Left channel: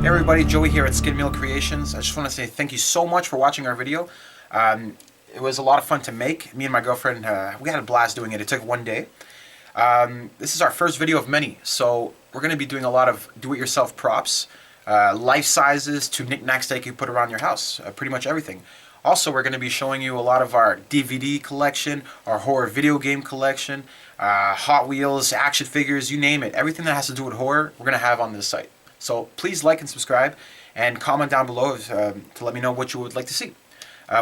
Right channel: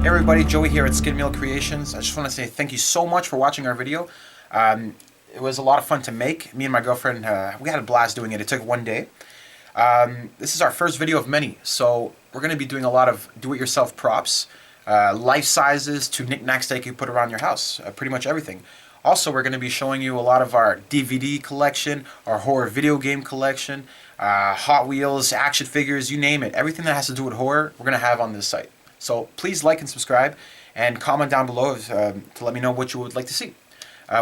Hey everybody, Joey here at Skinmeal Creations. I just want to say thank you so much for watching our video. It was a lot of fun to make. Me and my girlfriend, we had a blast doing it. It took one day. This is our first video of many, so we're going to be doing a lot of do-it-yourself props, life sizes to knickknacks that you can put around your house, pretty much everything. Also, we're going to be showing you a lot of our DVD collection, our horror video game collection, Hot Wheels, action figures, you name it. Everything that has to do with horror, we're going to have on this site. So please like and subscribe and comment down below to let me know what you would like to see.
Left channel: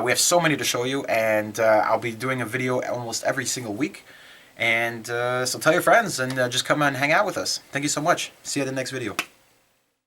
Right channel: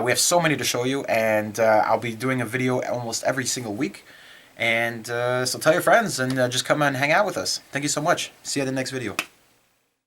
We have so many to show you, and I'll be doing a video almost every single week. And so tell your friends and just come and hang out with us. Thank you so much. See you in the next video.